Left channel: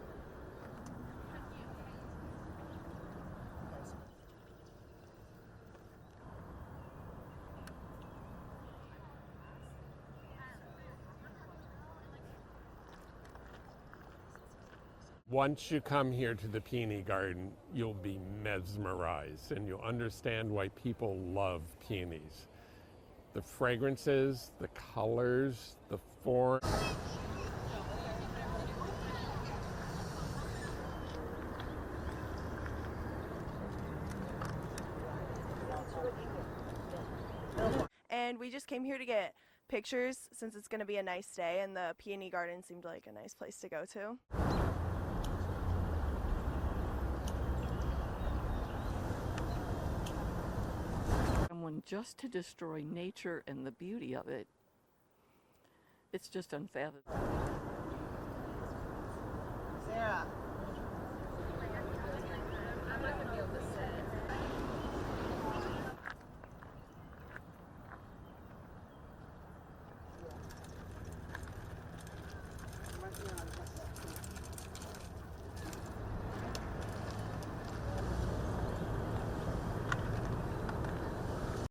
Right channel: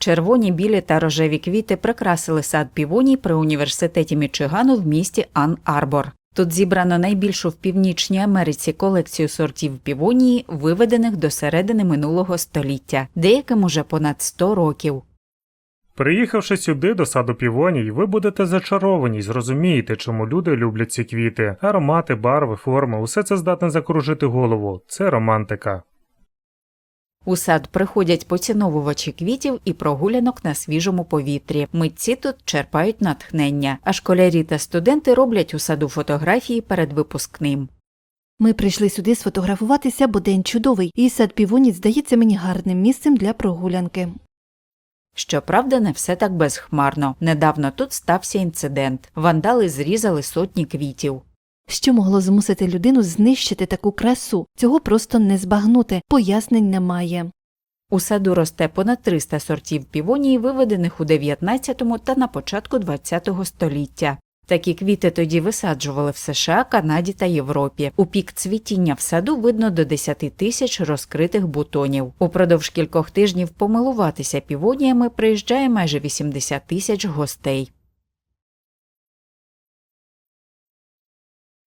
Червоні, білі та рожеві квіти прикрасили сад півоній при університеті Мічигану в місті Ан-Арбор. Тут зібрано найбільшу в Північній Америці колекцію сортів півонії, виведених до середини минулого століття, деяким уже понад 100 років. Приїхавши сюди до саду півоній, ви будете зачаровані й зрозумієте, чому люди люблять ці квіти. Аромати, барви, форми усе це здатне закружити голову. Це романтика. У сад приходять поціновувачі квітів і прогулянок на свіжому повітрі. Митці тут черпають натхнення, а школярі та студенти роблять у саду фотографії перед випускним. Ми прийшли сюди сфотографуватися, бо день чудовий, і сад півоні здається мені гарним місцем для прогулянки. Щоправда, не все так безхмарно. Недавно тут стався інцидент. Вандали зрізали сотні квітів. Що могло змусити людину знищити таку красу? Цього просто не збагнути. Пояснень немає. У саду росте понад 300 сортів півонії, виведених у 19-му та на початку 20 століття. Такі квіти тоді висаджували в США, Канаді та Європі. У пік цвітіння в саду видно до 10 тисяч розкритих бутонів. Упродовж кількох тижнів помилуватися півоніями приїжджає майже 80 тисяч гостей.